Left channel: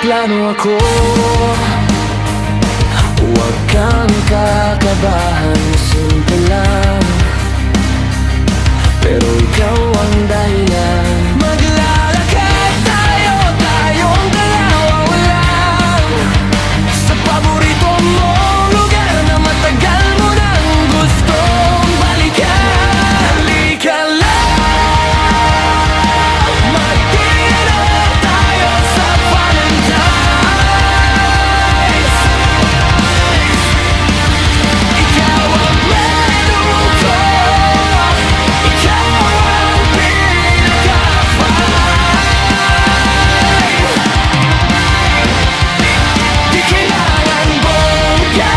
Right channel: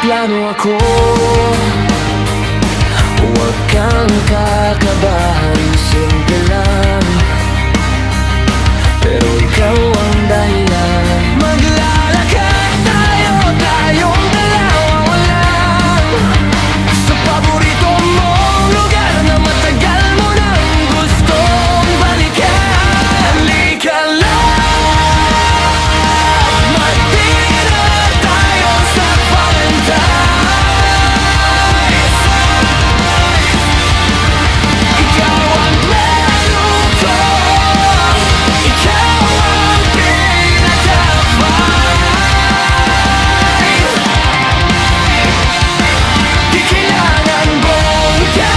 plano ako. Huwag kang kakabahan, simple lang, pero ikaw ang dahilan. Maglalakad tayo, tayong dalawa lang, sa paborito mong lugar na matagal mo nang gustong balikan. Halika love, mag-dinner tayo sa Valentine's. Ikaw ang menu ko, ikaw ang pinaka-fine. Di kailangan bongga,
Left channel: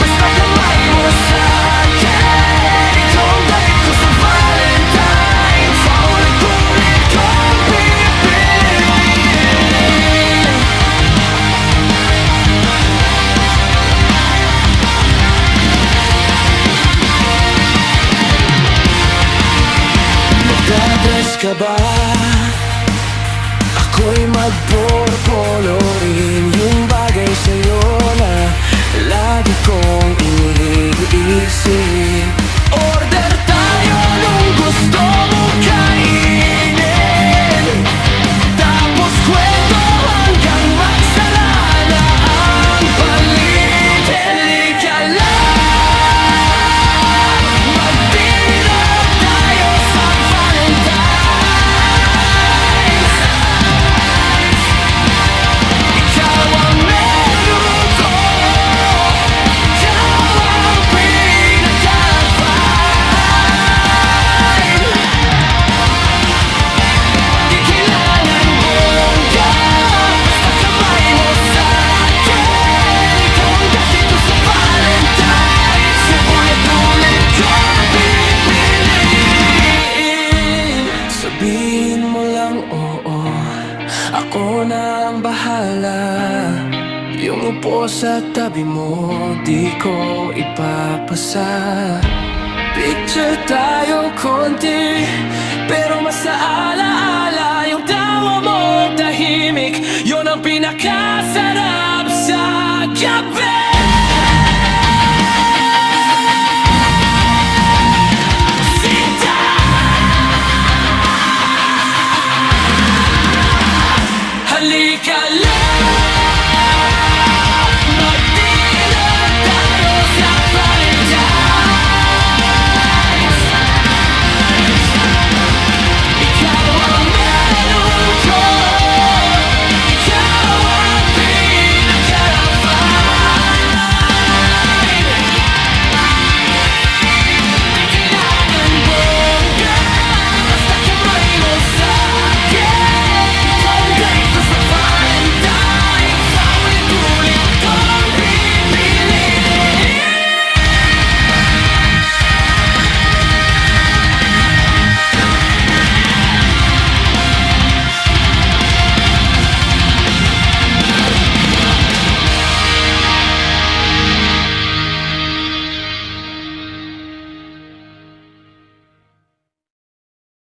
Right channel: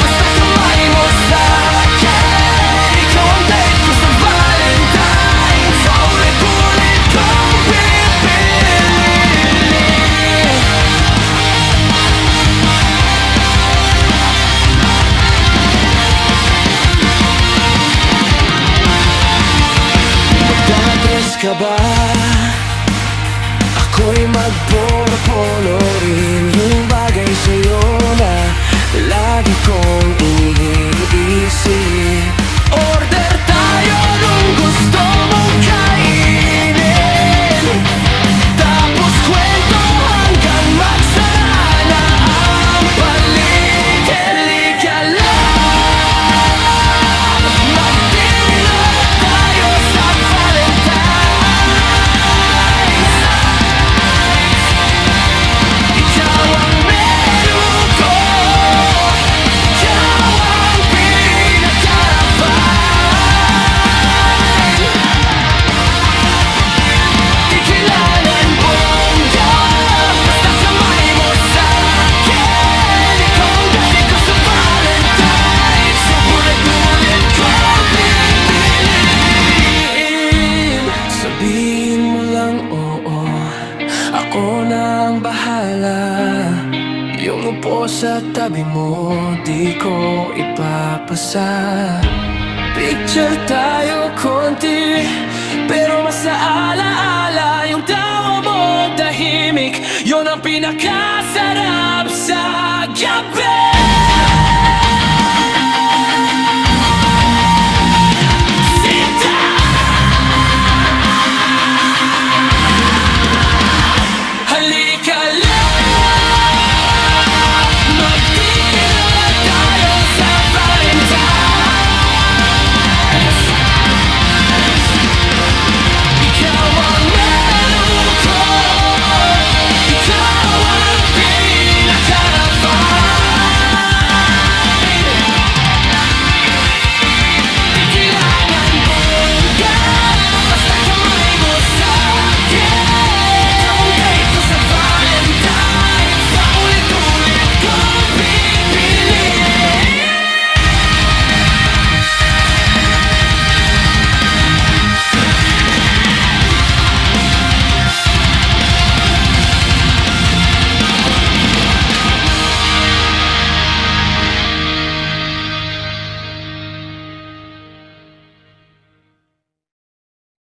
basta kamay mo sa'kin. Ikaw ang date ko sa Valentine's, paulit-ulit kong pipiliin. Magdadress ka ba? Ako'y magporo-polo rin, yung bagay sa'yo na lagi kong iniisip. Order tayo nung gusto mong kainin, tapos kwento hanggang magsara na ang palit. Halika love, mag-dinner tayo sa Valentine's. Ikaw ang menu ko, ikaw ang pinaka-fine. Di kailangan bongga, basta kamay mo sa'kin. Ikaw ang dati ko sa Valentine's, so ulit-ulit kong pipiliin. Sabihin mo lang oo, ako na ang bahala. Yung upo sa tabi mo, di ko ipapasa. Picture tayo konti, pero mas naalaala yung tawa mo tahimik. Yun ang pinakasarap sa gabi.